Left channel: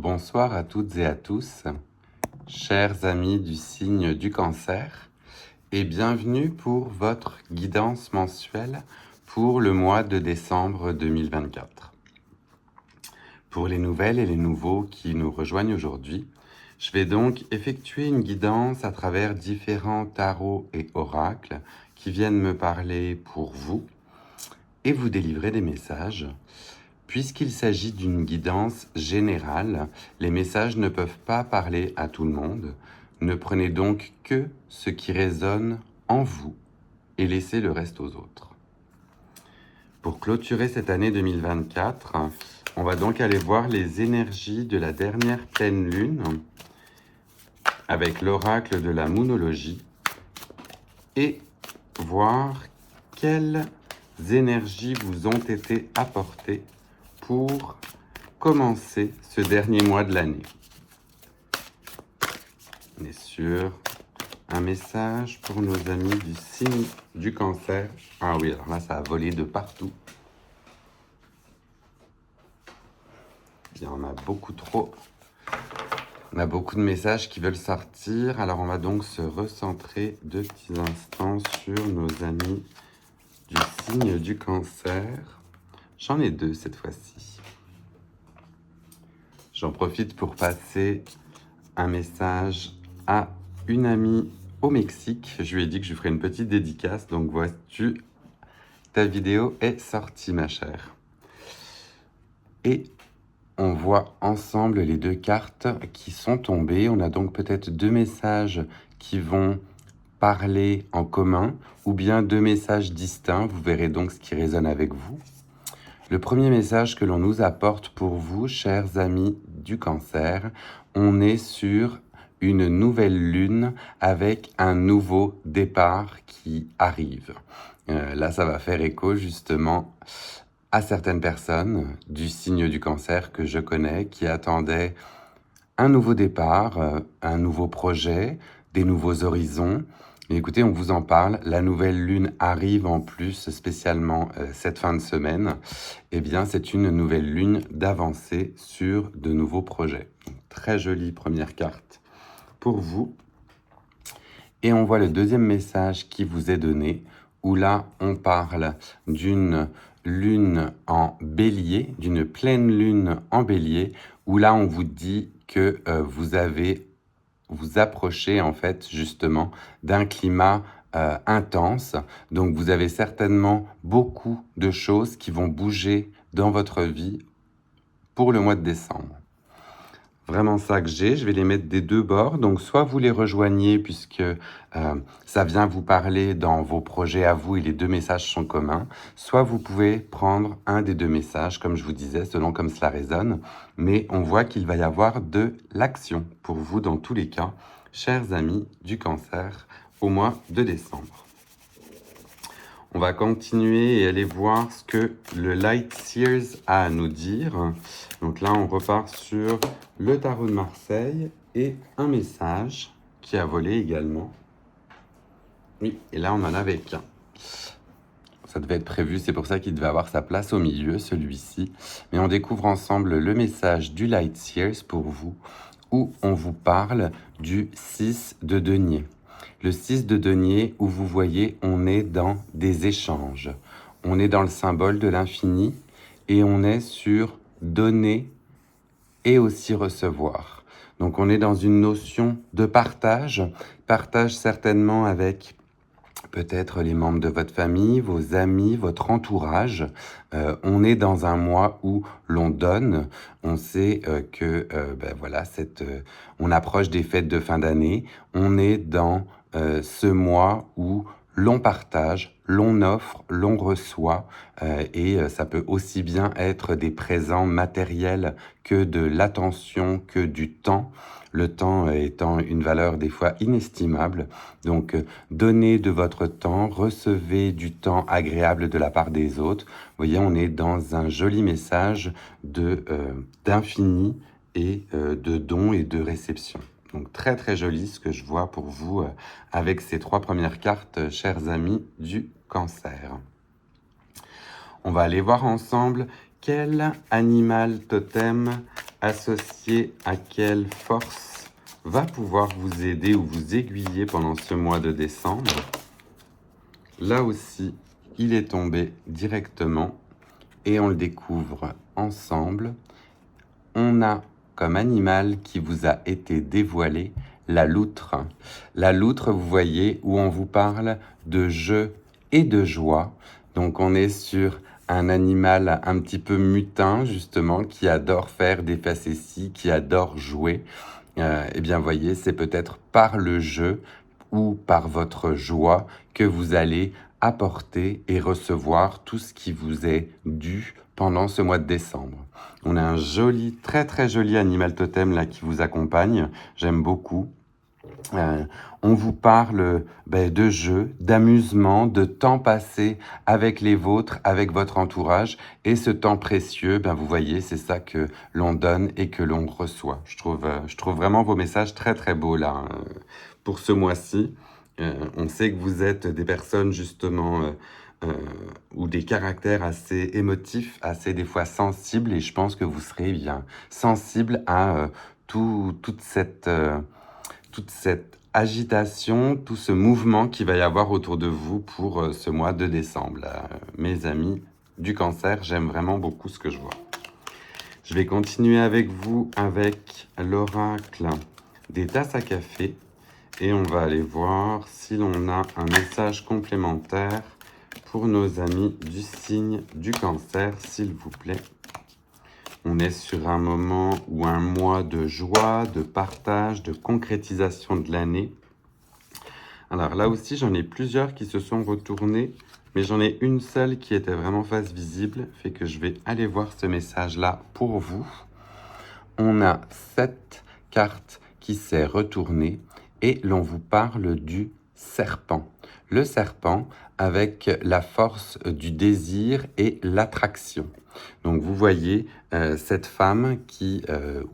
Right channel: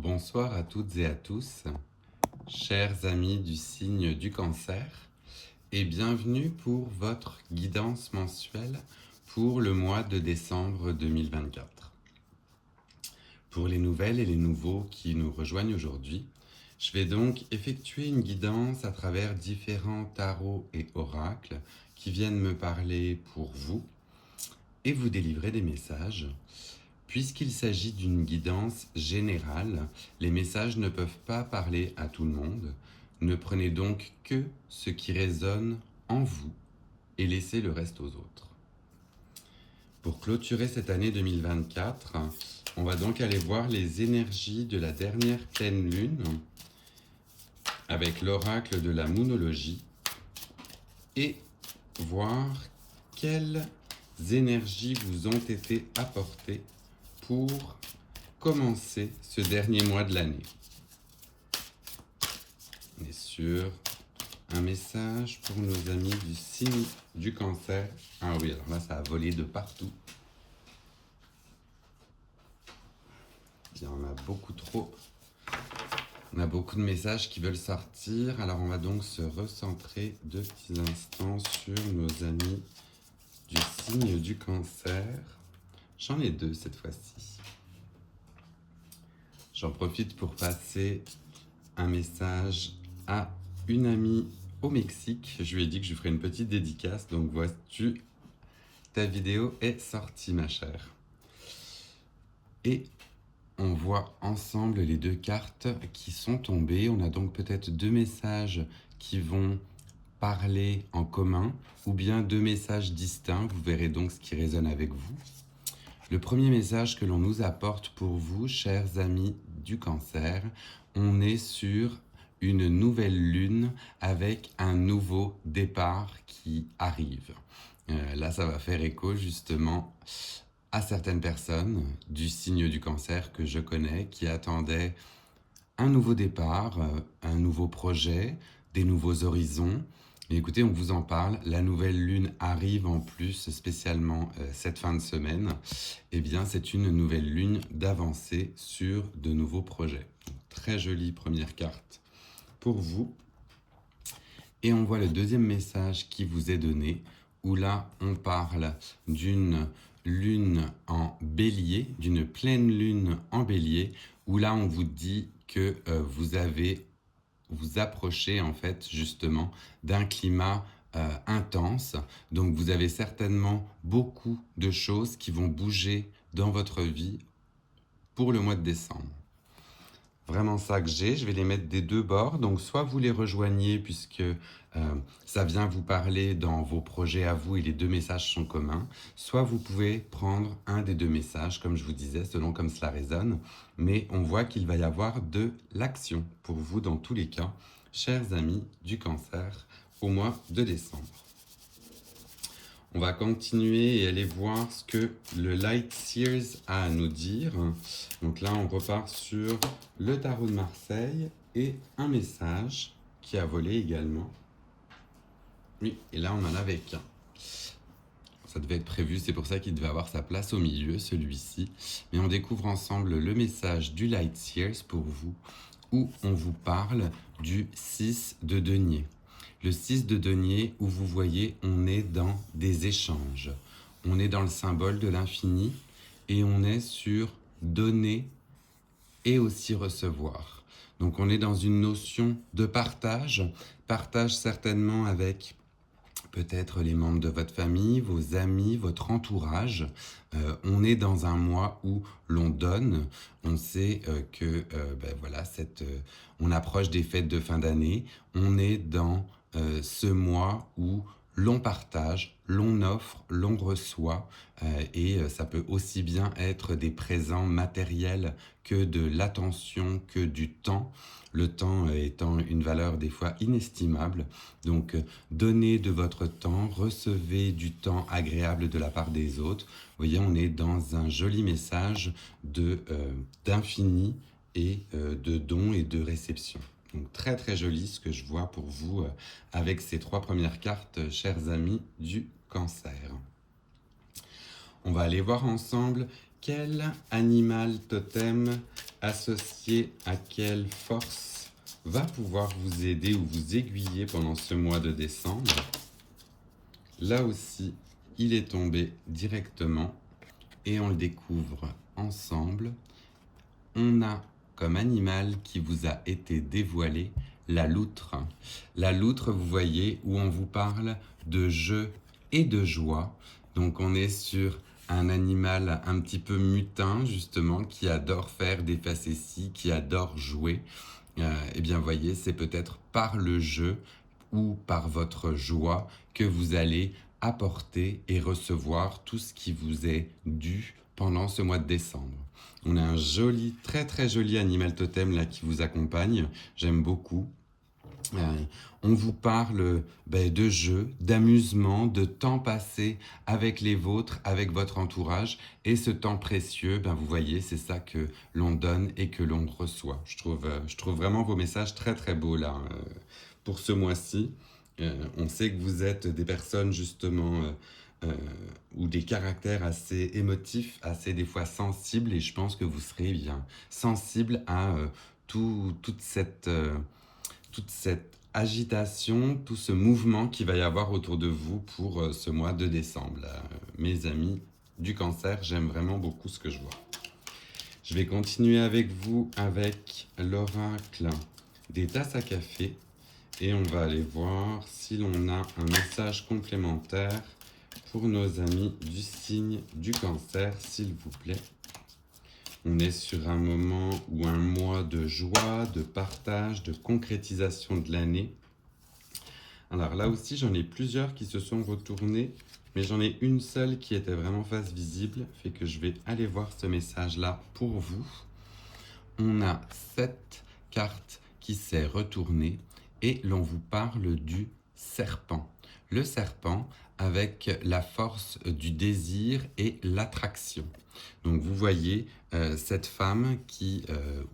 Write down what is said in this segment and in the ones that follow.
Bonsoir à toutes et à tous, chers amis du signe du cancer, et bienvenue pour votre guidance mensuelle pour le mois de décembre 2024. Pour les nouvelles et les nouveaux qui nous rejoignent aujourd'hui, je vais donc effectuer une guidance à travers différents tarots et oracles qui viennent me parler pour vous et vous délivrer des messages. Puisqu'il s'agit d'une guidance générale, les messages ne peuvent pas parler à tout le monde. Ne prenez donc que ce qui résonne en vous et laissez le reste aux autres. Pour clôturer cette année 2024, on va donc aller voir les énergies de la dernière pleine lune avec l'oracle de la moonologie et voir quelles énergies vous ont été apportées pour commencer ce dernier mois de l'année. On est sur un message pour nos amis du signe du cancer. Ah oui, alors là, ça a volé de partout. Il y en a beaucoup trop. On a beaucoup de messages qui veulent sortir. Alors, on va donc se recentrer 2 petits instants sur nos amis du signe du cancer. J'en ai 2 cette fois-ci. J'en profite pour passer un message à une amie au Mexique. Je lui ai dit que je ferais une petite dédicace. Donc, vois-tu, ta vidéo est sortie, ma chère. Et on voit ensemble les 2 cartes qui sont tombées. On a donc peut-être 2 messages qui vont parler en commun ou bien 2 messages distincts. Vous verrez donc ce qui résonne avec vous. Le premier message que l'on nous apporte pour vous, chers amis du cancer, on est sur une nouvelle lune avec un nouveau départ qui arrive. Là, ça va faire écho justement à certaines personnes du signe du cancer que je connais qui attendaient un nouveau départ, un nouveau projet, des nouveaux horizons. Mais écoutez, on vous en parle. La nouvelle lune arrive en plus, spécialement cette fin de semaine. Eh bien, c'est une nouvelle lune d'avancée sur de nouveaux projets. Donc, très jolie première carte pour vous. Et on voit le deuxième message qui vous est donné, où là, on parle d'une lune en bélier, d'une pleine lune en bélier, où là, on vous dit que vous approchez en fait justement d'un climat intense. Donc vous avez certainement beaucoup de choses qui vont bouger dans votre vie pour le mois de décembre. Vraiment ça que j'ai, je vais les mettre des 2 bords. Donc soit vous les rejoignez puisque ça vient vous parler dans vos projets à vous et les 2 messages sont communs, soit vous pouvez prendre un des 2 messages, comme je vous disais, selon comme cela résonne. Mais on voit qu'il va y avoir de l'action pour vous dans tous les cas, chers amis du cancer, au mois de décembre. On va continuer et aller voir ce que le Light Seers a à nous dire. Donc là, on repart sur le tarot de Marseille et un message qui a volé également. Oui, et là, on en avait qu'un. Ça devait être prévu, c'est pour ça qu'il devait avoir sa place au milieu, celui-ci. Mais on découvre ensemble le message du Light Seers pour vous, où on vous parle du 6 de denier. Le 6 de denier, où vous voyez, on est dans des échanges. On est dans le symbole de l'infini et on est sur donner et aussi recevoir. Donc on est dans une notion de partage certainement avec peut-être les membres de votre famille, vos amis, votre entourage. On est dans un mois où l'on donne. On sait que voilà, on approche des fêtes de fin d'année. On est dans ce mois où l'on partage, l'on offre, l'on reçoit, et ça peut aussi bien être des présents matériels que de l'attention, que du temps. Le temps étant une valeur des fois inestimable. Donc, donnez de votre temps, recevez du temps agréable de la part des autres. Vous voyez, on est dans un joli message d'infini et de don et de réception. Donc, très très joli ce que je vois pour vous avec ces 3 premières cartes, chers amis du cancer. On va aller voir ensemble quel animal totem associé à quelle force va pouvoir vous aider ou vous aiguiller pendant ce mois de décembre. Là aussi, il est tombé directement et on le découvre ensemble. On a comme animal qui vous a été dévoilé la loutre. La loutre, vous voyez, où on vous parle de jeu et de joie. Donc on est sur un animal un petit peu mutin, justement, qui adore faire des facéties, qui adore jouer. Eh bien, voyez, c'est peut-être par le jeu ou par votre joie que vous allez apporter et recevoir tout ce qui vous est dû pendant ce mois de décembre. On a un joli, très très joli animal totem là qui vous accompagne. J'aime beaucoup. On vous parle de jeux, d'amusement, de temps passé avec les vôtres, avec votre entourage. Et ce temps précieux, vous voyez, c'est ça que l'on donne et que l'on reçoit. Je trouve vraiment vos messages très très beaux là, pour ce mois-ci. On sait que vous êtes des personnes justement ou des caractères assez émotifs, assez des fois sensibles. Et je pense que vous serez bien sensible à toute cette agitation, tout ce mouvement qu'il va y avoir autour de vous pour ce mois de décembre. Mes amis du Cancer, j'aime vraiment beaucoup ce que je vois. Je vais continuer avec vous avec l'oracle des tasses à café et on va aller voir si l'on a un message complémentaire pour nos amis du signe du Cancer, s'il vous plaît. On est sur un moment ou un mois de joie, de partage, de concrétisation de l'année. Alors là aussi, j'en ai plusieurs qui se sont retournés, mais j'en ai une seule qui était vraiment face visible, fait que je vais aller voir ce message-là pour vous. On a 7 cartes qui s'est retournée et l'on vous parle du serpent. Le serpent avec la force du désir et l'attraction. Donc vous voyez cette femme qui,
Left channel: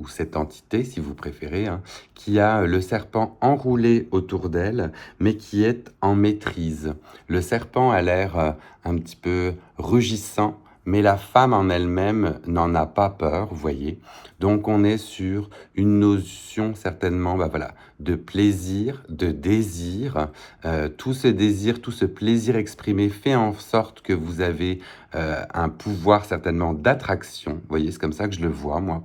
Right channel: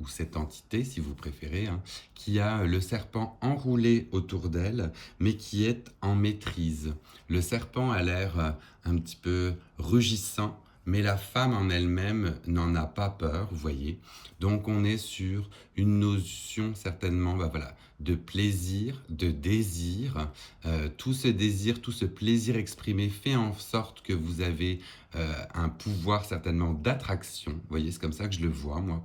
ou cette entité si vous préférez, qui a le serpent enroulé autour d'elle, mais qui est en maîtrise. Le serpent a l'air un petit peu rugissant, mais la femme en elle-même n'en a pas peur, vous voyez. Donc on est sur une notion certainement de plaisir, de désir. Tout ce désir, tout ce plaisir exprimé fait en sorte que vous avez un pouvoir certainement d'attraction. Vous voyez, c'est comme ça que je le vois, moi,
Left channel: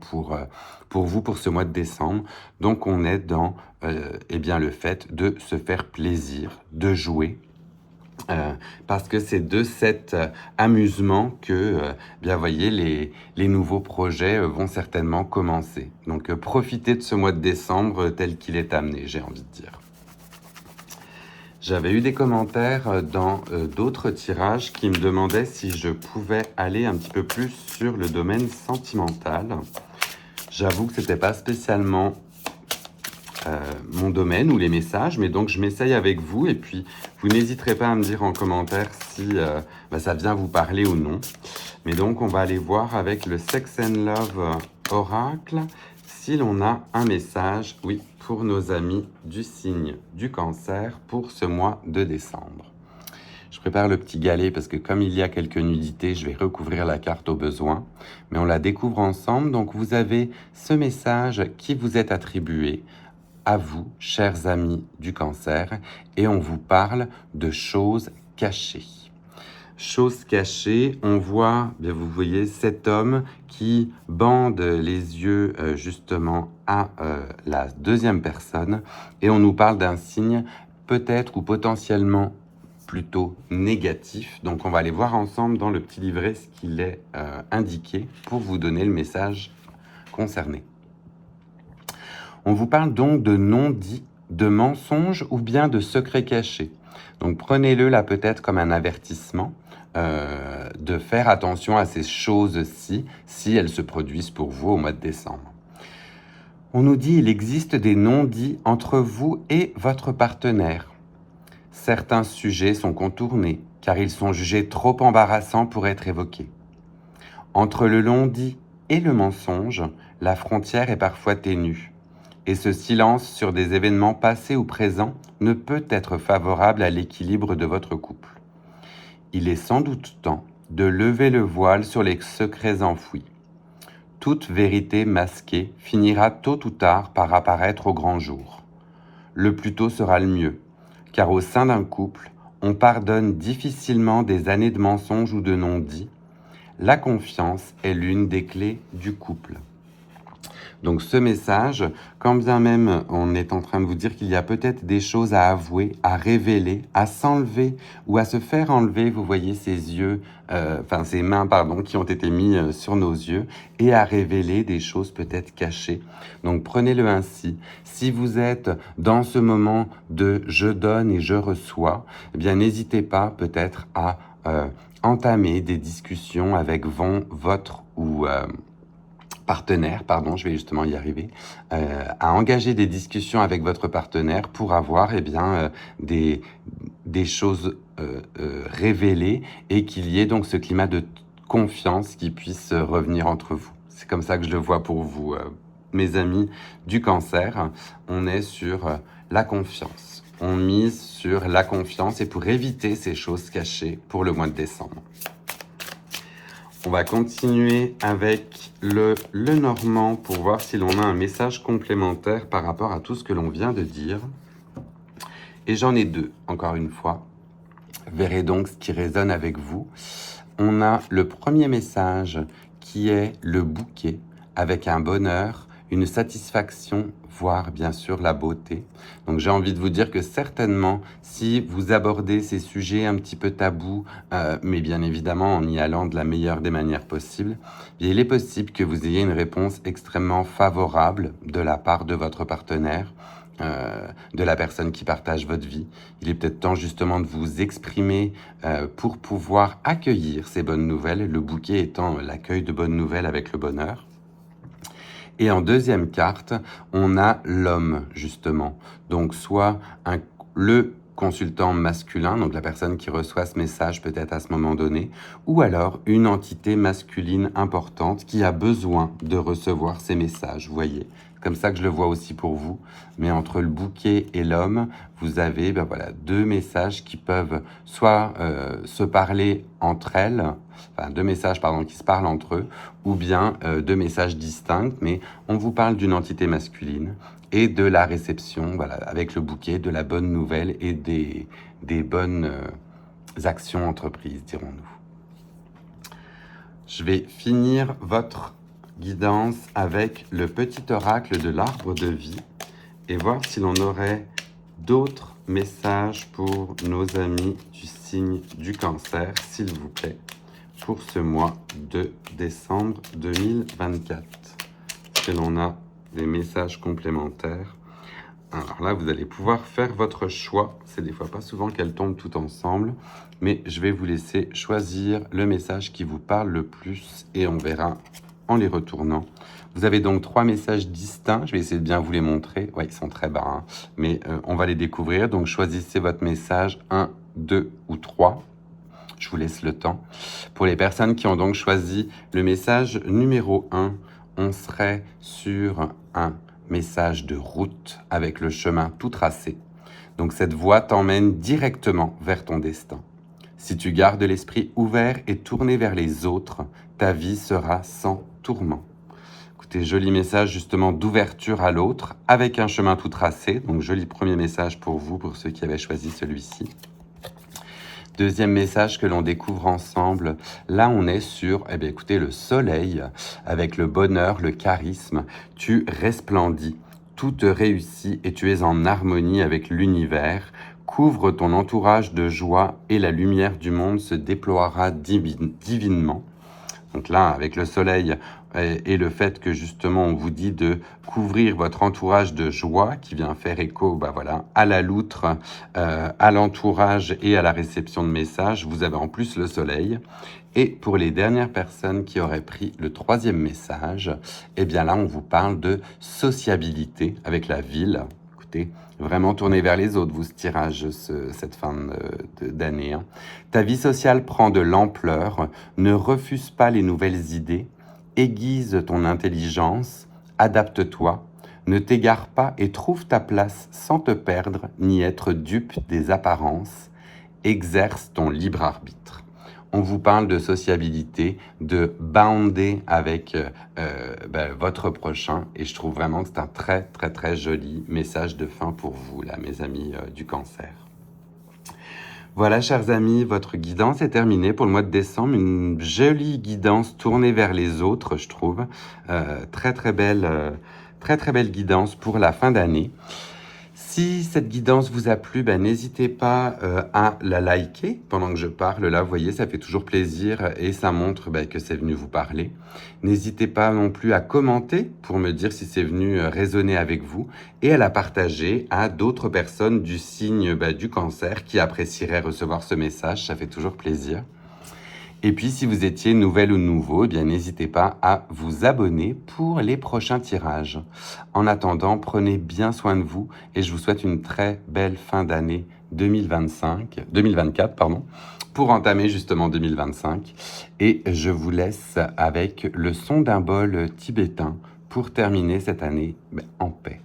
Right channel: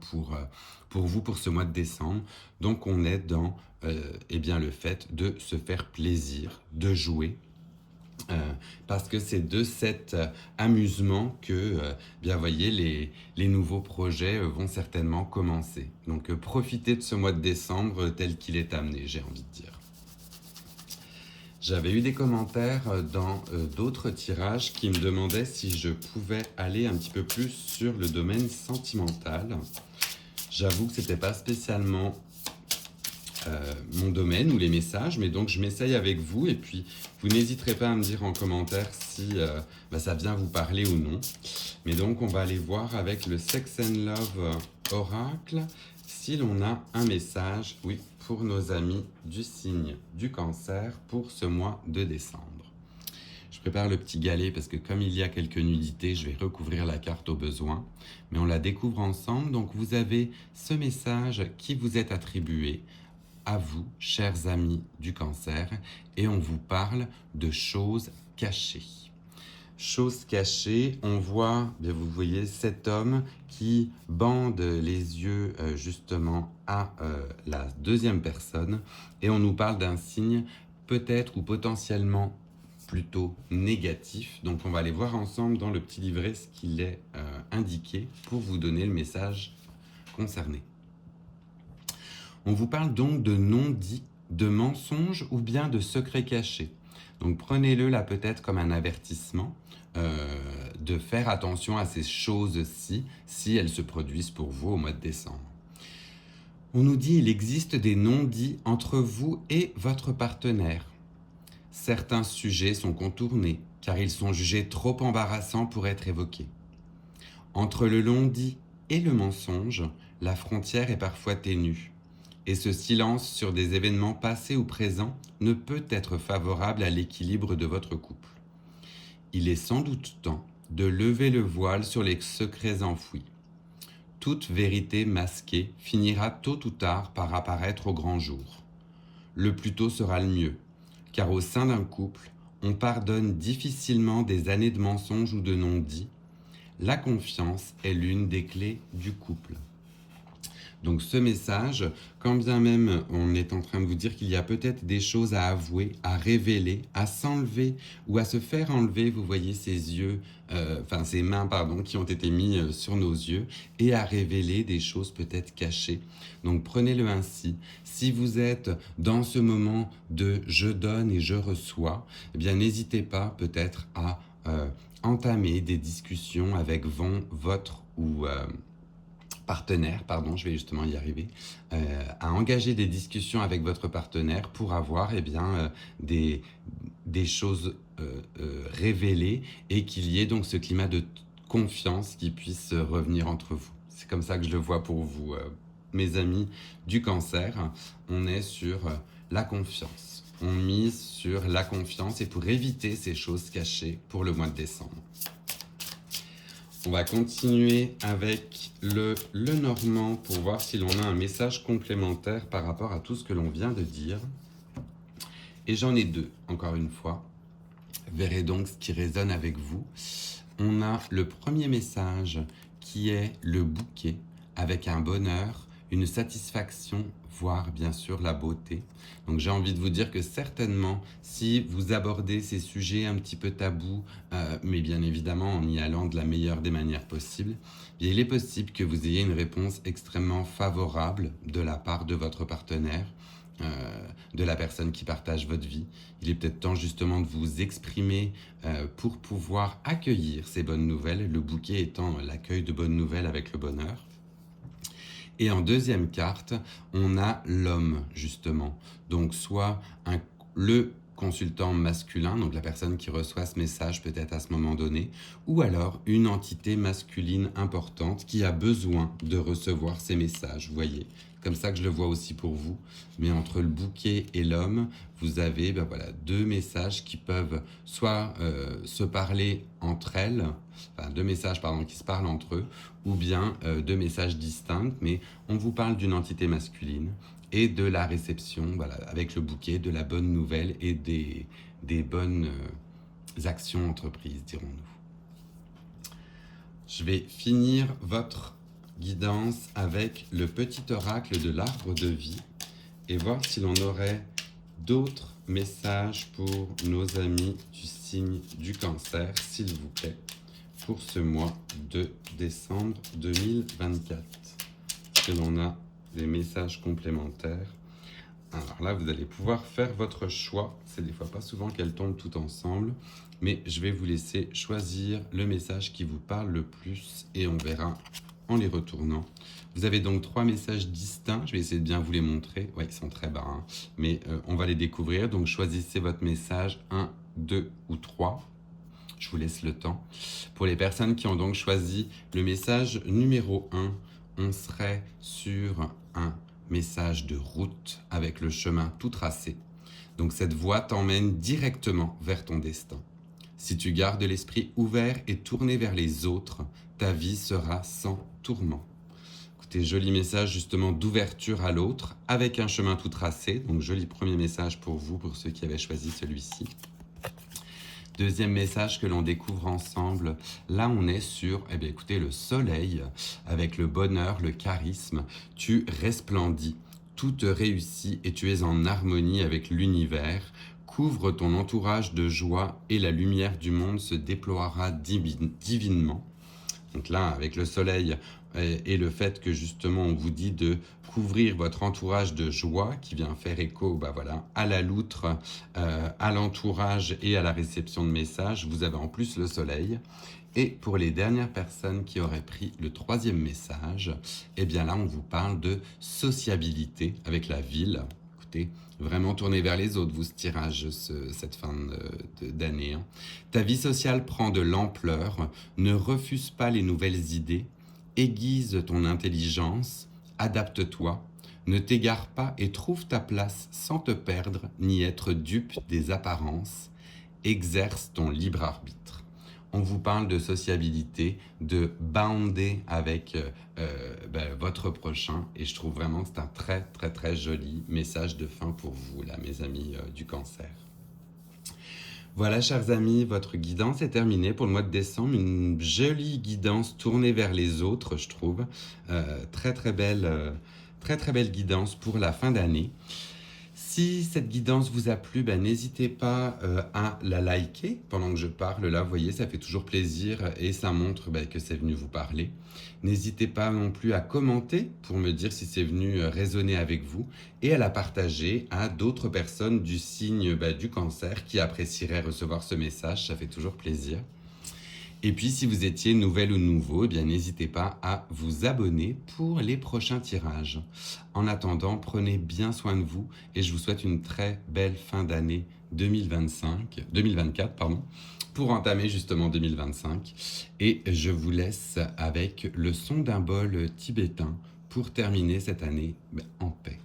pour vous, pour ce mois de décembre. Donc on est dans le fait de se faire plaisir, de jouer. Parce que c'est de cet amusement que, voyez, les nouveaux projets vont certainement commencer. Donc, profitez de ce mois de décembre tel qu'il est amené, j'ai envie de dire. J'avais eu des commentaires dans d'autres tirages qui me demandaient si je pouvais aller un petit peu plus sur le domaine sentimental. J'avoue que ce n'était pas spécialement mon domaine ou les messages, mais donc je m'essaye avec vous et puis vous n'hésiterez pas à me dire en commentaire si ça vient vous parler ou non. Mais donc on va aller voir avec le Sex and Love Oracle si l'on a un message, oui, pour nos amis du signe du Cancer pour ce mois de décembre. Je prépare le petit galet parce que comme il y a quelques nudités, je vais recouvrir la carte au besoin. Mais on la découvre ensemble, donc vous avez ce message qui vous est attribué à vous, chers amis du Cancer, et on vous parle de choses cachées. Choses cachées, on voit, vous voyez, cet homme qui bande les yeux justement à la deuxième personne, et on nous parle d'un signe peut-être ou potentiellement plutôt négatif. Donc on va aller voir ensemble dans le petit livret ce qu'il est indiqué pour vous donner le message concerné. On vous parle donc de non-dits, de mensonges ou bien de secrets cachés. Donc prenez-le là peut-être comme un avertissement de faire attention à ces choses-ci si elles se produisent pour vous au mois de décembre. On nous dit qu'il existe des non-dits entre vous et votre partenaire. Certains sujets sont contournés car ils sont jugés trop embarrassants pour être évoqués. Entre le non-dit et le mensonge, la frontière est parfois ténue. Et ce silence sur des événements passés ou présents ne peut être favorable à l'équilibre de votre couple. Il est sans doute temps de lever le voile sur les secrets enfouis. toute vérité masquée finira tôt ou tard par apparaître au grand jour. Le plus tôt sera le mieux, car au sein d'un couple, on pardonne difficilement des années de mensonges ou de non-dits. La confiance est l'une des clés du couple. Donc ce message, quand bien même on est en train de vous dire qu'il y a peut-être des choses à avouer, à révéler, à s'enlever ou à se faire enlever, vous voyez ces mains qui ont été mises sur nos yeux, et à révéler des choses peut-être cachées. Donc prenez-le ainsi. Si vous êtes dans ce moment de je donne et je reçois, eh bien n'hésitez pas peut-être à entamer des discussions avec votre partenaire, je vais justement y arriver, à engager des discussions avec votre partenaire pour avoir des choses révélées et qu'il y ait donc ce climat de confiance qui puisse revenir entre vous. C'est comme ça que je le vois pour vous, mes amis du Cancer. On est sur la confiance. On mise sur la confiance et pour éviter ces choses cachées pour le mois de décembre. On va continuer avec le Normand pour voir si l'on a un message complémentaire par rapport à tout ce que l'on vient de dire. Et j'en ai deux, encore une fois. Verrez donc ce qui résonne avec vous. On a le premier message qui est le bouquet avec un bonheur, une satisfaction, voire bien sûr la beauté. Donc j'ai envie de vous dire que certainement, si vous abordez ces sujets un petit peu tabous, mais bien évidemment en y allant de la meilleure des manières possibles, il est possible que vous ayez une réponse extrêmement favorable de la part de votre partenaire, de la personne qui partage votre vie. Il est peut-être temps justement de vous exprimer pour pouvoir accueillir ces bonnes nouvelles, le bouquet étant l'accueil de bonnes nouvelles avec le bonheur. Et en deuxième carte, on a l'homme, justement. Donc, soit le consultant masculin, donc la personne qui reçoit ce message peut-être à ce moment donné, ou alors une entité masculine importante qui a besoin de recevoir ces messages, vous voyez. Comme ça que je le vois aussi pour vous. Mais entre le bouquet et l'homme, vous avez deux messages qui peuvent soit se parler entre elles, enfin deux messages qui se parlent entre eux, ou bien deux messages distincts, mais on vous parle d'une entité masculine et de la réception, avec le bouquet, de la bonne nouvelle et des bonnes actions entreprises, dirons-nous. Je vais finir votre guidance avec le petit oracle de l'arbre de vie et voir si l'on aurait d'autres messages pour nos amis du signe du Cancer, s'il vous plaît, pour ce mois de décembre 2024. Et l'on a des messages complémentaires. Alors là, vous allez pouvoir faire votre choix. C'est des fois pas souvent qu'elles tombent toutes ensemble, mais je vais vous laisser choisir le message qui vous parle le plus et on verra en les retournant. Vous avez donc 3 messages distincts. Je vais essayer de bien vous les montrer. Ouais, ils sont très bas, mais on va les découvrir. Donc choisissez votre message 1, 2 ou 3. Je vous laisse le temps. Pour les personnes qui ont donc choisi le message numéro 1, on serait sur un message de route avec le chemin tout tracé. Donc cette voie t'emmène directement vers ton destin. Si tu gardes l'esprit ouvert et tourné vers les autres, ta vie sera sans tourment. Écoutez, joli message justement d'ouverture à l'autre avec un chemin tout tracé. Donc joli premier message pour vous, pour ceux qui avaient choisi celui-ci. Deuxième message que l'on découvre ensemble, là on est sur, écoutez, le soleil, avec le bonheur, le charisme, tu resplendis, tout te réussit et tu es en harmonie avec l'univers, couvre ton entourage de joie et la lumière du monde se déploiera divinement. Donc là, avec le soleil et le fait que justement on vous dit de couvrir votre entourage de joie qui vient faire écho à la loutre, à l'entourage et à la réception de messages, vous avez en plus le soleil. Et pour les dernières personnes qui auraient pris le 3e message, là on vous parle de sociabilité avec la ville. Écoutez, vraiment tourné vers les autres, vous, ce tirage, cette fin d'année. Ta vie sociale prend de l'ampleur, ne refuse pas les nouvelles idées, aiguise ton intelligence, adapte-toi, ne t'égare pas et trouve ta place sans te perdre ni être dupe des apparences, exerce ton libre arbitre. on vous parle de sociabilité, de bounder avec votre prochain. Et je trouve vraiment que c'est un très, très, très joli message de fin pour vous, là, mes amis du Cancer. Voilà, chers amis, votre guidance est terminée pour le mois de décembre. Une jolie guidance tournée vers les autres, je trouve. Très, très belle guidance pour la fin d'année. Si cette guidance vous a plu, n'hésitez pas à la liker pendant que je parle. Là, vous voyez, ça fait toujours plaisir et ça montre que c'est venu vous parler. N'hésitez pas non plus à commenter pour me dire si c'est venu résonner avec vous et à la partager à d'autres personnes du signe du Cancer qui apprécieraient recevoir ce message. Ça fait toujours plaisir. Et puis, si vous étiez nouvelle ou nouveau, n'hésitez pas à vous abonner pour les prochains tirages. En attendant, prenez bien soin de vous et je vous souhaite une très belle fin d'année 2024, pour entamer justement 2025. Et je vous laisse avec le son d'un bol tibétain pour terminer cette année en paix.